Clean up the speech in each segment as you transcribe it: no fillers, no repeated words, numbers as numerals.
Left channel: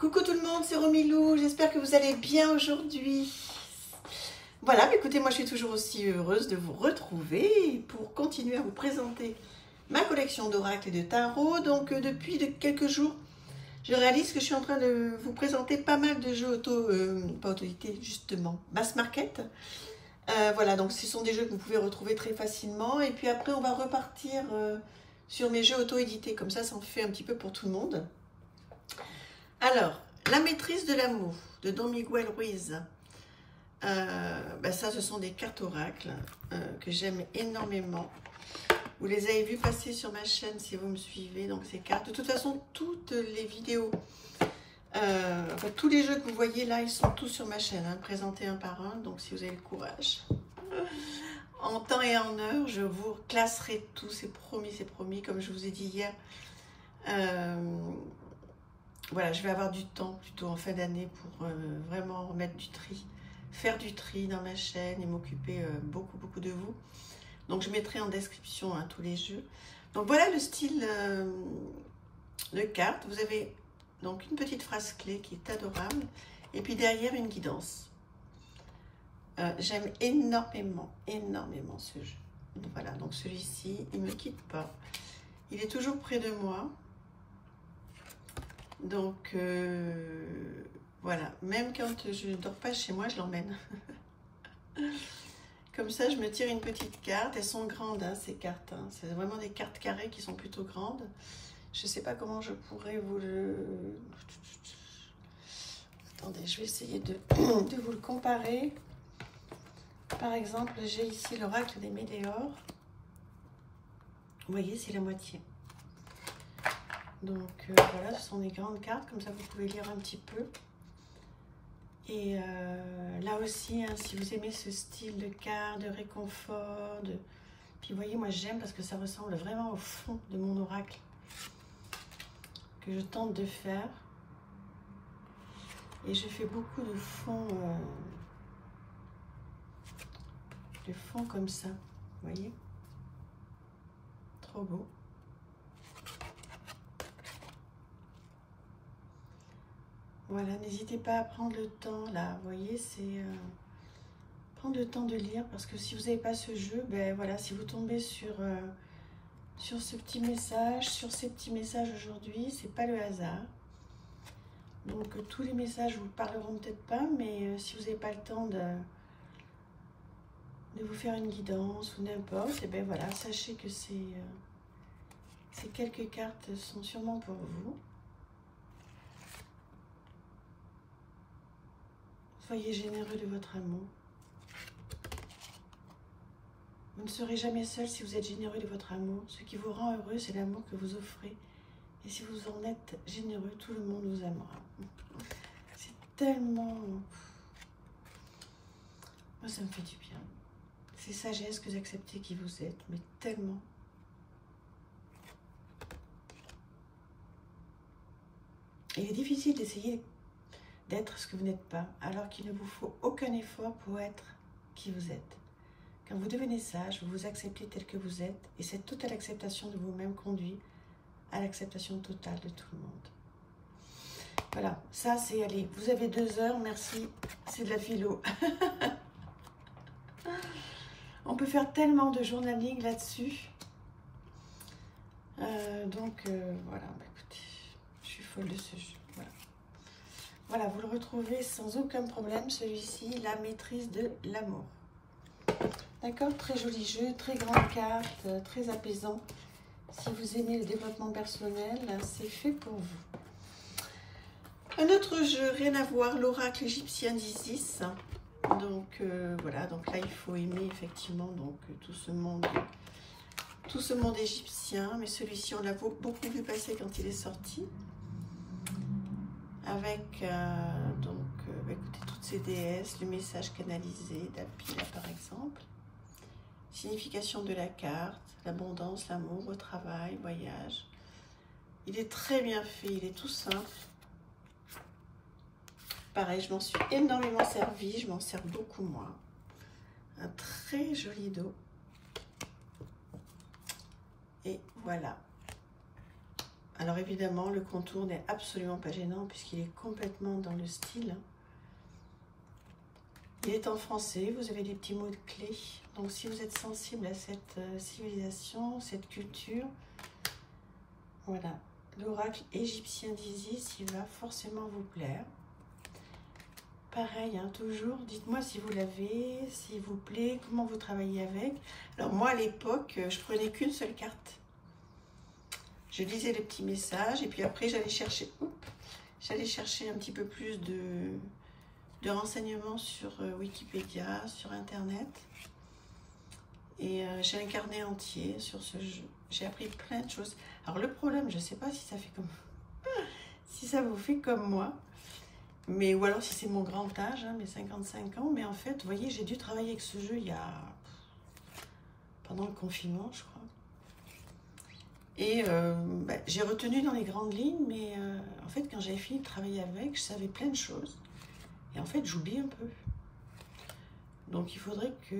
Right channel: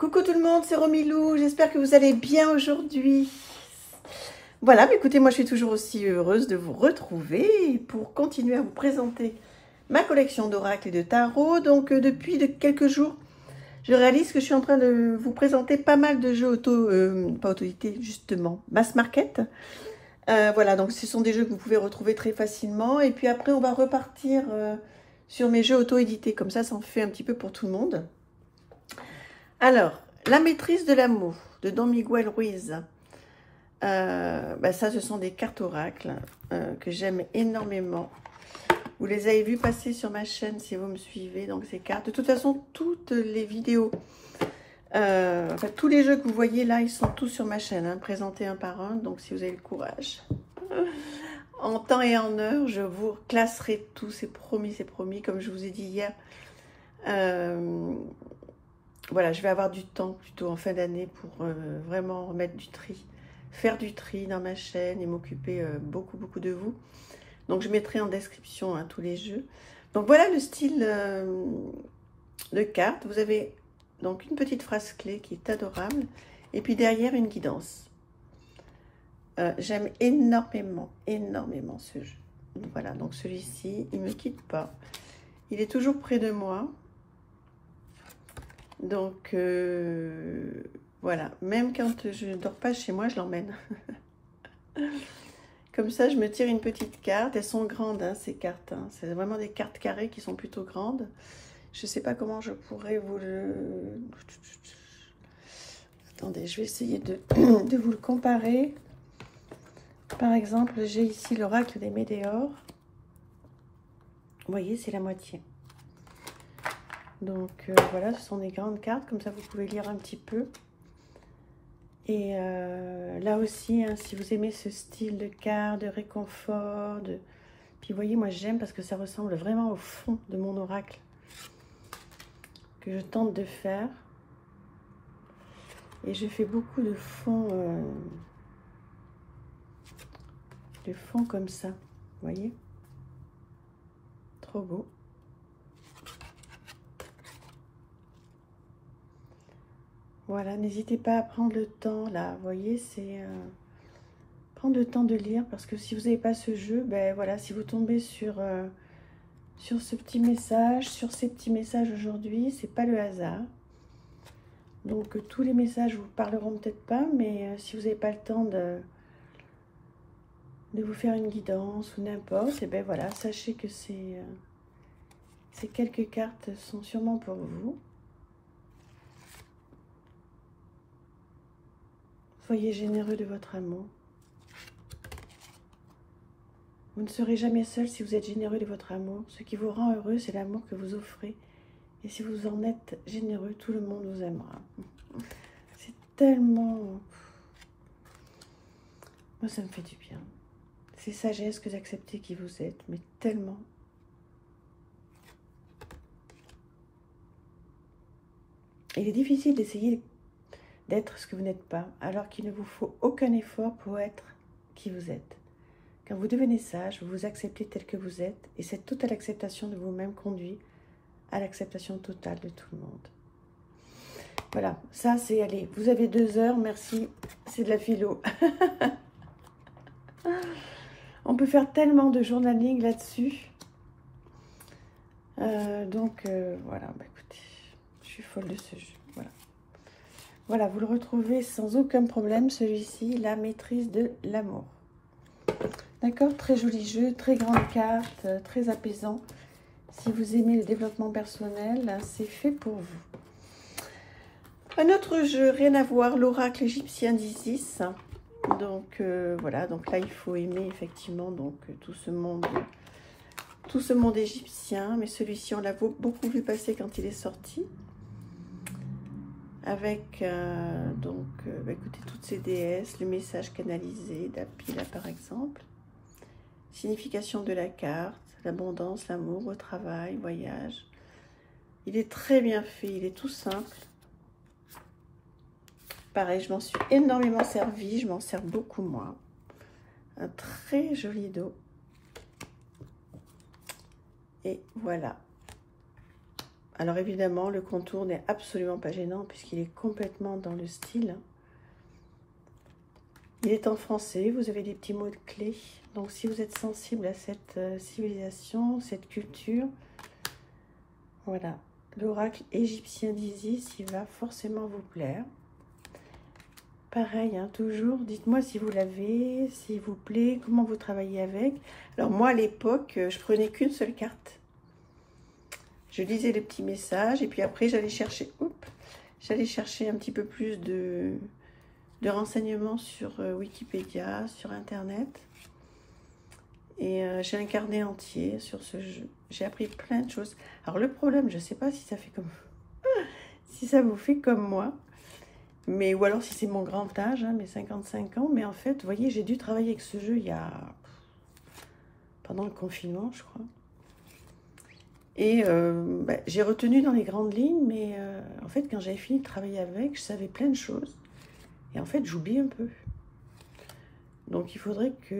Coucou tout le monde, c'est Romilou, j'espère que vous allez bien aujourd'hui. Voilà, mais écoutez, moi je suis toujours aussi heureuse de vous retrouver pour continuer à vous présenter ma collection d'oracles et de tarot. Donc depuis quelques jours, je réalise que je suis en train de vous présenter pas mal de jeux pas auto-édités justement, mass market. Voilà, donc ce sont des jeux que vous pouvez retrouver très facilement. Et puis après, on va repartir sur mes jeux auto-édités, comme ça en fait un petit peu pour tout le monde. Alors, la maîtrise de l'amour de Don Miguel Ruiz. Ça, ce sont des cartes oracles que j'aime énormément. Vous les avez vues passer sur ma chaîne si vous me suivez. Donc, ces cartes. De toute façon, toutes les vidéos, tous les jeux que vous voyez là, ils sont tous sur ma chaîne, hein, présentés un par un. Donc, si vous avez le courage, en temps et en heure, je vous classerai tout. C'est promis, c'est promis. Comme je vous ai dit hier. Voilà, je vais avoir du temps plutôt en fin d'année pour vraiment remettre du tri, faire du tri dans ma chaîne et m'occuper beaucoup de vous. Donc je mettrai en description hein, tous les jeux. Donc voilà le style de carte. Vous avez donc une petite phrase clé qui est adorable et puis derrière une guidance. J'aime énormément ce jeu. Donc, voilà, donc celui-ci, il ne me quitte pas. Il est toujours près de moi. Donc, voilà, même quand je ne dors pas chez moi, je l'emmène. Comme ça, je me tire une petite carte. Elles sont grandes, hein, ces cartes. Hein. C'est vraiment des cartes carrées qui sont plutôt grandes. Je ne sais pas comment je pourrais vous le... Attendez, je vais essayer de vous le comparer. Par exemple, j'ai ici l'oracle des Météores. Vous voyez, c'est la moitié. Donc voilà, ce sont des grandes cartes, comme ça vous pouvez lire un petit peu. Et là aussi, hein, si vous aimez ce style de cartes, de réconfort, puis vous voyez, moi j'aime parce que ça ressemble vraiment au fond de mon oracle que je tente de faire. Et je fais beaucoup de fonds comme ça, vous voyez, trop beau. Voilà, n'hésitez pas à prendre le temps, là, vous voyez, c'est prendre le temps de lire, parce que si vous n'avez pas ce jeu, ben voilà, si vous tombez sur ce petit message, sur ces petits messages aujourd'hui, c'est pas le hasard. Donc, tous les messages vous parleront peut-être pas, mais si vous n'avez pas le temps de vous faire une guidance ou n'importe, et ben voilà, sachez que ces quelques cartes sont sûrement pour vous. Soyez généreux de votre amour. Vous ne serez jamais seul si vous êtes généreux de votre amour. Ce qui vous rend heureux, c'est l'amour que vous offrez. Et si vous en êtes généreux, tout le monde vous aimera. C'est tellement... Moi, ça me fait du bien. C'est sagesse que d'accepter qui vous êtes, mais tellement. Il est difficile d'essayer d'être ce que vous n'êtes pas, alors qu'il ne vous faut aucun effort pour être qui vous êtes. Quand vous devenez sage, vous vous acceptez tel que vous êtes, et cette totale acceptation de vous-même conduit à l'acceptation totale de tout le monde. Voilà, ça c'est, allez, vous avez 2 heures, merci, c'est de la philo. On peut faire tellement de journaling là-dessus. Voilà, bah, écoutez, je suis folle de ce jeu. Voilà, vous le retrouvez sans aucun problème, celui-ci, la maîtrise de l'amour. D'accord, très joli jeu, très grande carte, très apaisant. Si vous aimez le développement personnel, c'est fait pour vous. Un autre jeu, rien à voir, l'oracle égyptien d'Isis. Donc voilà, donc là il faut aimer effectivement donc tout ce monde égyptien, mais celui-ci on l'a beaucoup vu passer quand il est sorti. Avec écoutez, toutes ces déesses, le message canalisé d'Apila par exemple, signification de la carte, l'abondance, l'amour, au travail, voyage. Il est très bien fait, il est tout simple. Pareil, je m'en suis énormément servi, je m'en sers beaucoup moi. Un très joli dos. Et voilà. Alors évidemment, le contour n'est absolument pas gênant puisqu'il est complètement dans le style. Il est en français, vous avez des petits mots de clés. Donc si vous êtes sensible à cette civilisation, cette culture, voilà, l'oracle égyptien d'Isis, il va forcément vous plaire. Pareil, hein, toujours, dites-moi si vous l'avez, s'il vous plaît, comment vous travaillez avec. Alors moi, à l'époque, je prenais qu'une seule carte. Je lisais les petits messages et puis après, j'allais chercher un petit peu plus de renseignements sur Wikipédia, sur Internet. Et j'ai un carnet entier sur ce jeu. J'ai appris plein de choses. Alors le problème, je ne sais pas si ça fait comme... si ça vous fait comme moi. Mais, ou alors si c'est mon grand âge, hein, mes 55 ans. Mais en fait, vous voyez, j'ai dû travailler avec ce jeu il y a... pendant le confinement, je crois. Et j'ai retenu dans les grandes lignes, mais en fait, quand j'ai fini de travailler avec, je savais plein de choses. Et en fait, j'oublie un peu. Donc, il faudrait que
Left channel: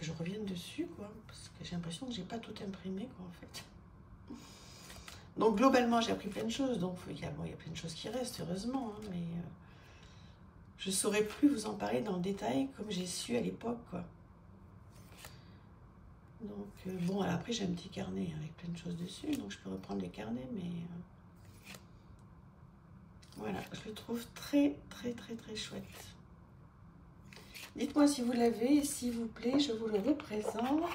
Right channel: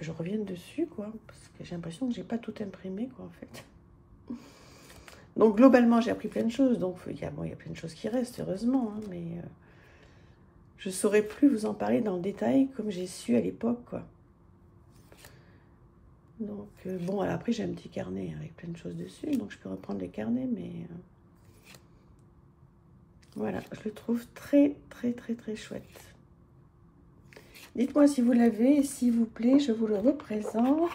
je revienne dessus, quoi. Parce que j'ai l'impression que j'ai pas tout imprimé, quoi, en fait. Donc, globalement, j'ai appris plein de choses. Donc, il y a plein de choses qui restent, heureusement. Hein, mais je ne saurais plus vous en parler dans le détail comme j'ai su à l'époque, quoi. Donc, bon, alors après, j'ai un petit carnet avec plein de choses dessus. Donc, je peux reprendre les carnets, mais... voilà, je le trouve très, très, très, très chouette. Dites-moi si vous l'avez, et s'il vous plaît, je vous le représente.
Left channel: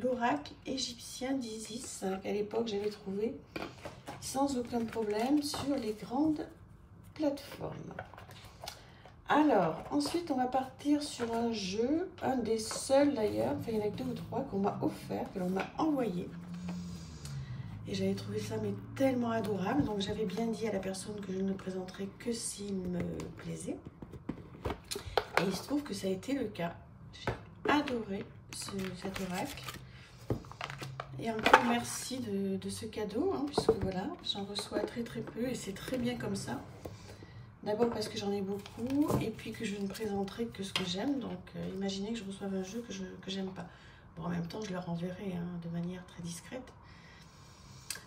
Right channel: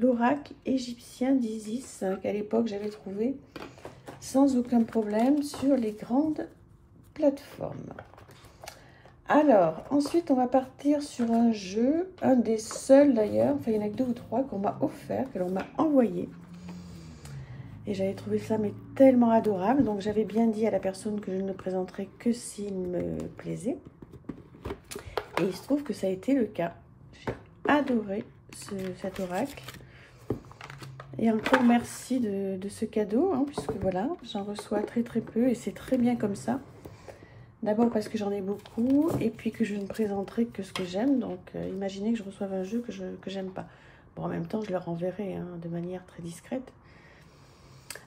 L'oracle égyptien d'Isis, qu'à l'époque j'avais trouvé sans aucun problème sur les grandes plateformes. Alors, ensuite, on va partir sur un jeu, un des seuls d'ailleurs, enfin il y en a que 2 ou 3 qu'on m'a offert, que l'on m'a envoyé. Et j'avais trouvé ça mais tellement adorable, donc j'avais bien dit à la personne que je ne le présenterais que s'il me plaisait. Et il se trouve que ça a été le cas. J'ai adoré cet oracle. Et encore merci de ce cadeau, hein, puisque voilà, j'en reçois très très peu et c'est très bien comme ça. D'abord parce que j'en ai beaucoup et puis que je ne présenterai que ce que j'aime. Donc imaginez que je reçoive un jeu que j'aime pas. Bon, en même temps, je leur enverrai hein, de manière très discrète.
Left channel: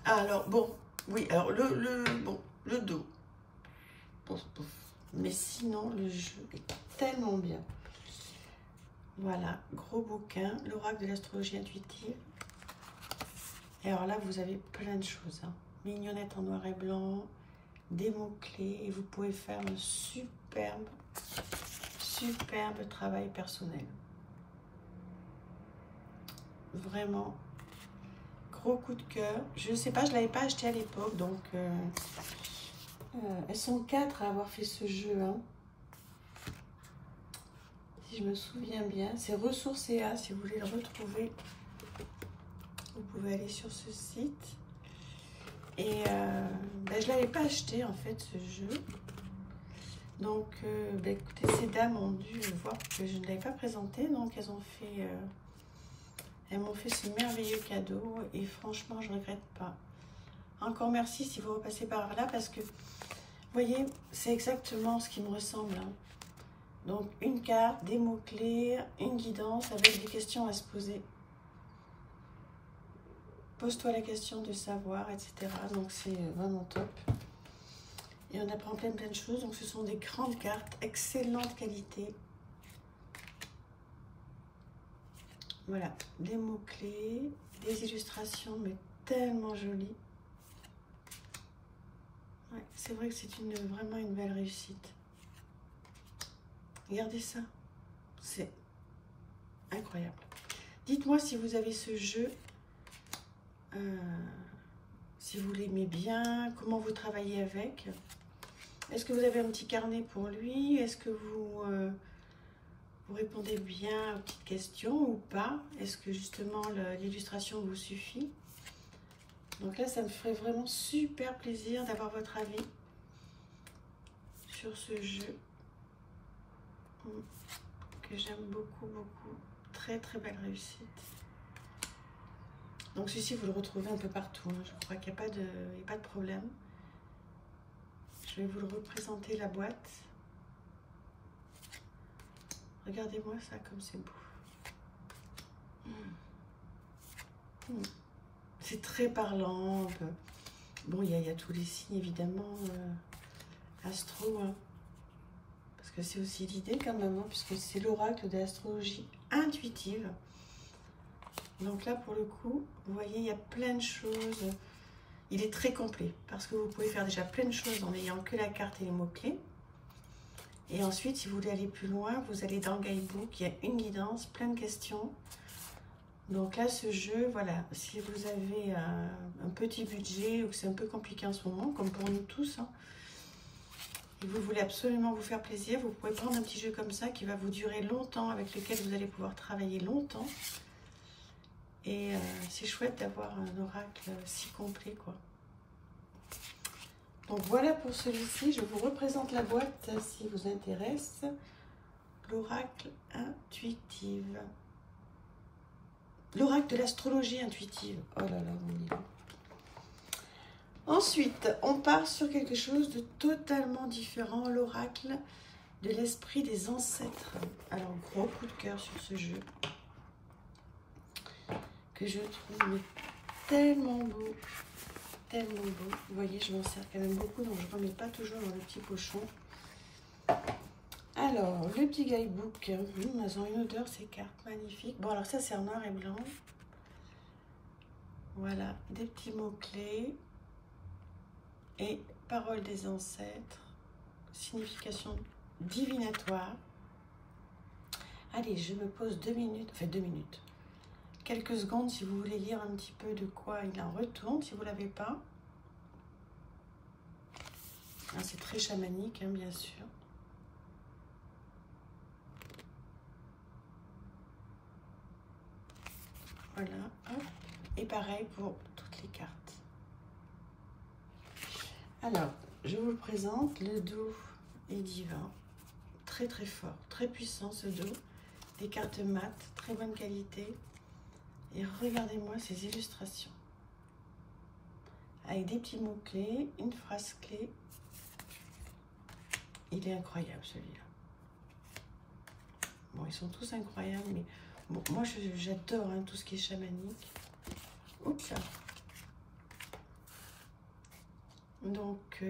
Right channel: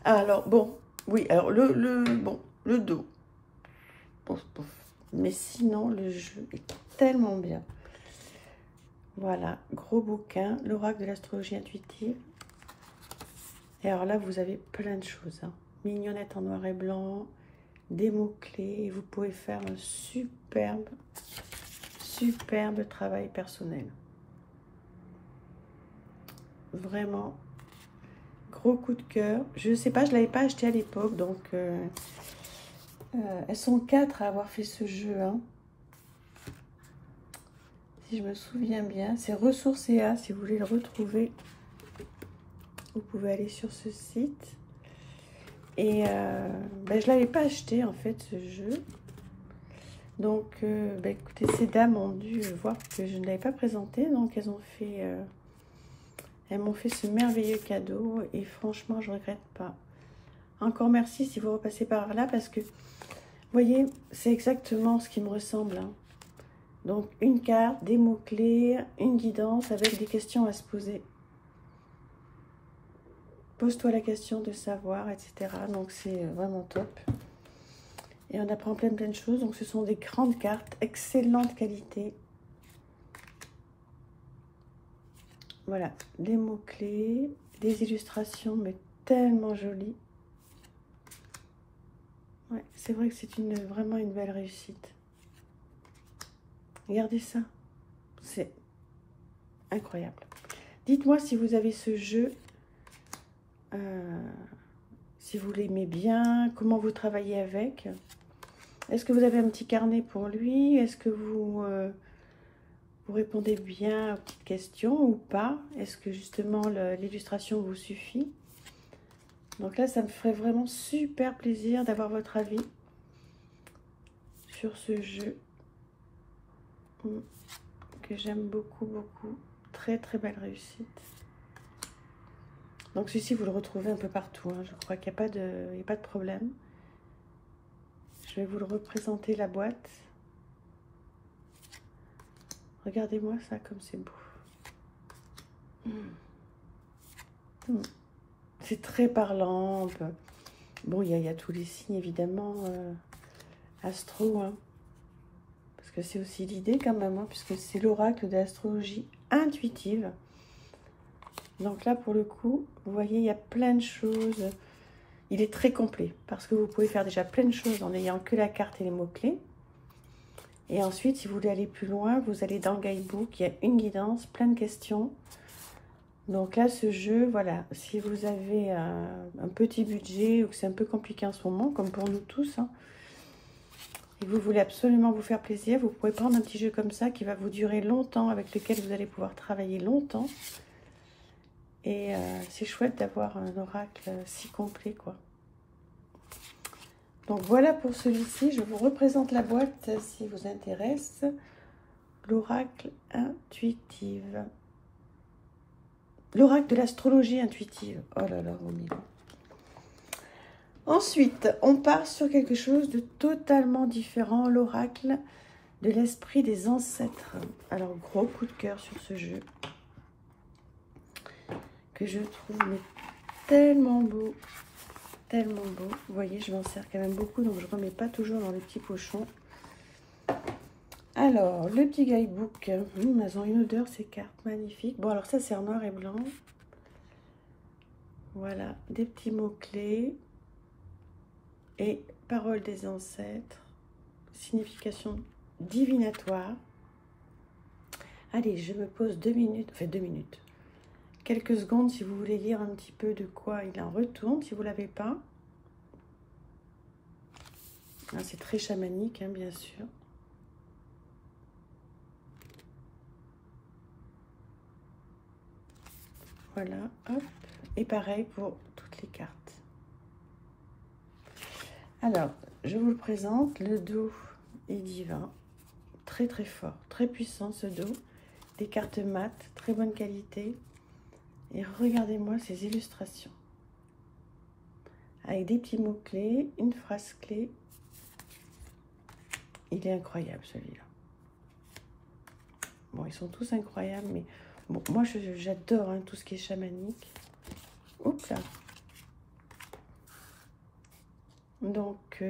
Alors, bon, oui, alors le dos. Pouf, pouf. Mais sinon, le jeu est tellement bien. Voilà, gros bouquin, l'oracle de l'astrologie intuitive. Et alors là, vous avez plein de choses. Hein. Mignonnette en noir et blanc, des mots-clés. Vous pouvez faire un superbe travail personnel. Vraiment, gros coup de cœur. Je ne sais pas, je ne l'avais pas acheté à l'époque. Donc, elles sont 4 à avoir fait ce jeu. Hein. Si je me souviens bien, c'est Ressourcea. Si vous voulez le retrouver, vous pouvez aller sur ce site. Et je ne l'avais pas acheté en fait ce jeu. Donc écoutez, ces dames ont dû voir que je ne l'avais pas présenté. Donc elles m'ont fait ce merveilleux cadeau. Et franchement, je ne regrette pas. Encore merci si vous repassez par là. Parce que, vous voyez, c'est exactement ce qui me ressemble. Hein. Donc une carte, des mots-clés, une guidance avec des questions à se poser. Pose-toi la question de savoir, etc. Donc, c'est vraiment top. Et on apprend plein de choses. Donc, ce sont des grandes cartes, excellente qualité. Voilà, des mots-clés, des illustrations, mais tellement jolies. Ouais, c'est vrai que c'est vraiment une belle réussite. Regardez ça. C'est incroyable. Dites-moi si vous avez ce jeu... si vous l'aimez bien, comment vous travaillez avec. Est-ce que vous avez un petit carnet pour lui? Est-ce que vous répondez bien aux petites questions ou pas? Est-ce que justement l'illustration vous suffit? Donc là, ça me ferait vraiment super plaisir d'avoir votre avis sur ce jeu que j'aime beaucoup, beaucoup. Très, très belle réussite. Donc celui-ci, vous le retrouvez un peu partout. Hein. Je crois qu'il n'y a pas de problème. Je vais vous le représenter, la boîte. Regardez-moi ça, comme c'est beau. C'est très parlant. Bon, il y a tous les signes, évidemment, astro, hein, parce que c'est aussi l'idée quand même, hein, puisque c'est l'oracle de l'astrologie intuitive. Donc là, pour le coup, vous voyez, il y a plein de choses. Il est très complet, parce que vous pouvez faire déjà plein de choses en n'ayant que la carte et les mots-clés. Et ensuite, si vous voulez aller plus loin, vous allez dans Guidebook, il y a une guidance, plein de questions. Donc là, ce jeu, voilà, si vous avez un petit budget ou que c'est un peu compliqué en ce moment, comme pour nous tous, hein, et vous voulez absolument vous faire plaisir, vous pouvez prendre un petit jeu comme ça qui va vous durer longtemps, avec lequel vous allez pouvoir travailler longtemps. Et c'est chouette d'avoir un oracle si complet, quoi. Donc voilà pour celui-ci, je vous représente la boîte si vous intéresse. L'oracle intuitive. L'oracle de l'astrologie intuitive. Oh là là, on y va. Ensuite, on part sur quelque chose de totalement différent, l'oracle de l'esprit des ancêtres. Alors, gros coup de cœur sur ce jeu, que je trouve mais tellement beau, tellement beau. Vous voyez, je m'en sers quand même beaucoup, donc je ne remets pas toujours dans le petit pochon. Alors, le petit guidebook, elles ont une odeur, ces cartes, magnifiques. Bon, alors ça, c'est en noir et blanc. Voilà, des petits mots-clés. Et paroles des ancêtres, signification divinatoire. Allez, je me pose 2 minutes, enfin 2 minutes, quelques secondes si vous voulez lire un petit peu de quoi il en retourne, si vous ne l'avez pas. C'est très chamanique, hein, bien sûr. Voilà, hop. Et pareil pour toutes les cartes. Alors, je vous le présente, le dos est divin, très très fort, très puissant ce dos, des cartes mat, très bonne qualité, et regardez-moi ces illustrations, avec des petits mots-clés, une phrase clé, il est incroyable celui-là. Bon, ils sont tous incroyables, mais bon, moi j'adore hein, tout ce qui est chamanique. Oups là. Donc,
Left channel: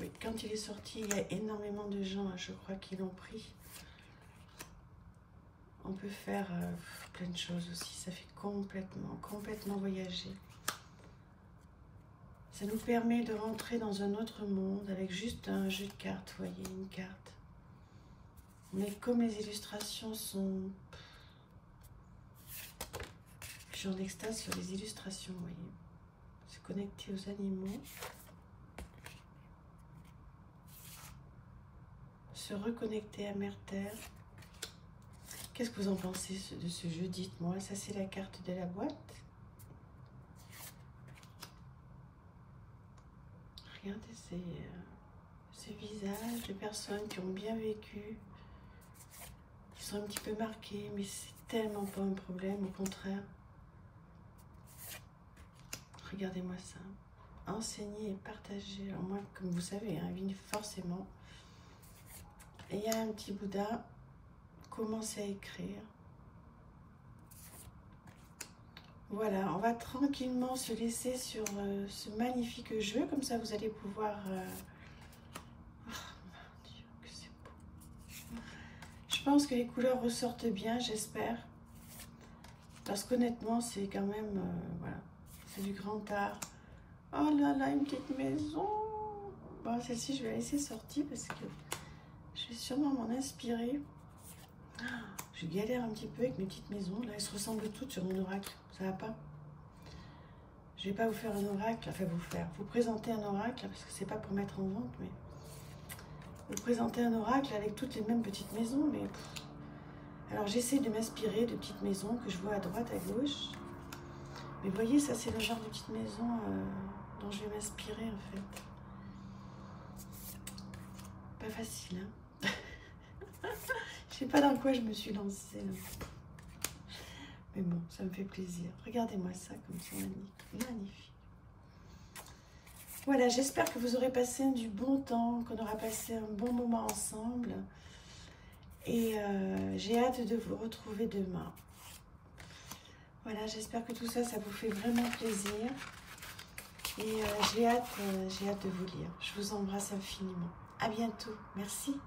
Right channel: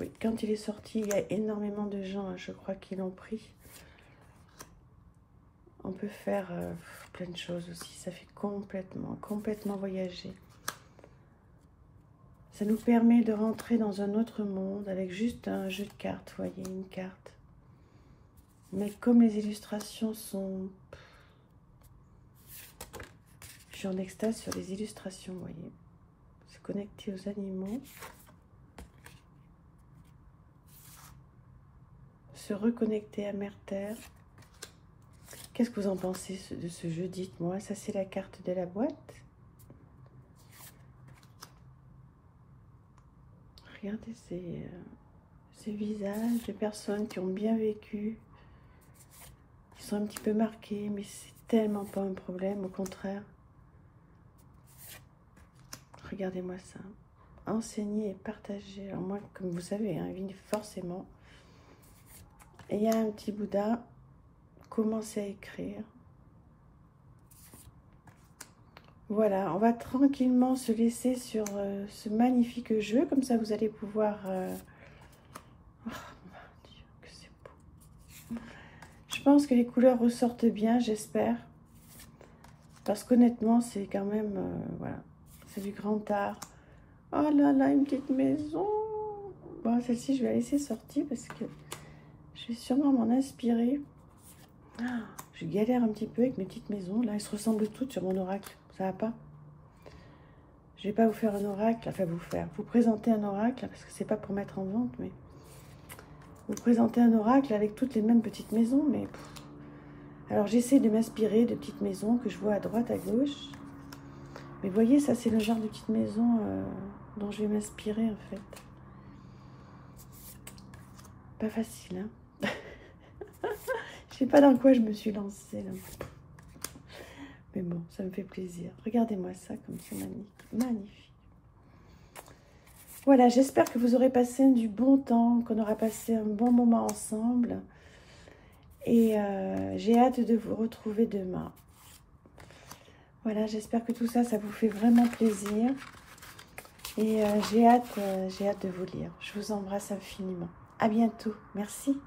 oui, quand il est sorti, il y a énormément de gens, hein, je crois, qui l'ont pris. On peut faire plein de choses aussi. Ça fait complètement voyager. Ça nous permet de rentrer dans un autre monde avec juste un jeu de cartes, vous voyez, une carte. Mais comme les illustrations sont... Je suis en extase sur les illustrations, vous voyez. C'est connecté aux animaux. Se reconnecter à Mère Terre. Qu'est-ce que vous en pensez de ce jeu? Dites-moi. Ça, c'est la carte de la boîte. Regardez ces visages de personnes qui ont bien vécu, qui sont un petit peu marqués, mais c'est tellement pas un problème, au contraire. Regardez-moi ça. Enseigner et partager. Alors moi, comme vous savez, hein, forcément. Et il y a un petit Bouddha. Commencez à écrire. Voilà, on va tranquillement se laisser sur ce magnifique jeu. Comme ça, vous allez pouvoir... Oh mon Dieu, que c'est beau. Je pense que les couleurs ressortent bien, j'espère. Parce qu'honnêtement, c'est quand même... voilà, c'est du grand art. Oh là là, une petite maison. Bon, celle-ci, je vais la laisser sortir parce que je vais sûrement m'en inspirer. Ah, je galère un petit peu avec mes petites maisons. Là, elles se ressemblent toutes sur mon oracle. Ça va pas? Je vais pas vous faire un oracle, enfin vous présenter un oracle, parce que c'est pas pour mettre en vente, mais vous présenter un oracle avec toutes les mêmes petites maisons, mais... Alors j'essaie de m'inspirer de petites maisons que je vois à droite, à gauche. Mais vous voyez, ça c'est le genre de petite maison dont je vais m'inspirer en fait. Pas facile, hein? Je sais pas dans quoi je me suis lancée là. Mais bon, ça me fait plaisir. Regardez-moi ça comme c'est magnifique. Magnifique. Voilà, j'espère que vous aurez passé du bon temps, qu'on aura passé un bon moment ensemble. Et j'ai hâte de vous retrouver demain. Voilà, j'espère que tout ça, ça vous fait vraiment plaisir. Et j'ai hâte de vous lire. Je vous embrasse infiniment. À bientôt. Merci.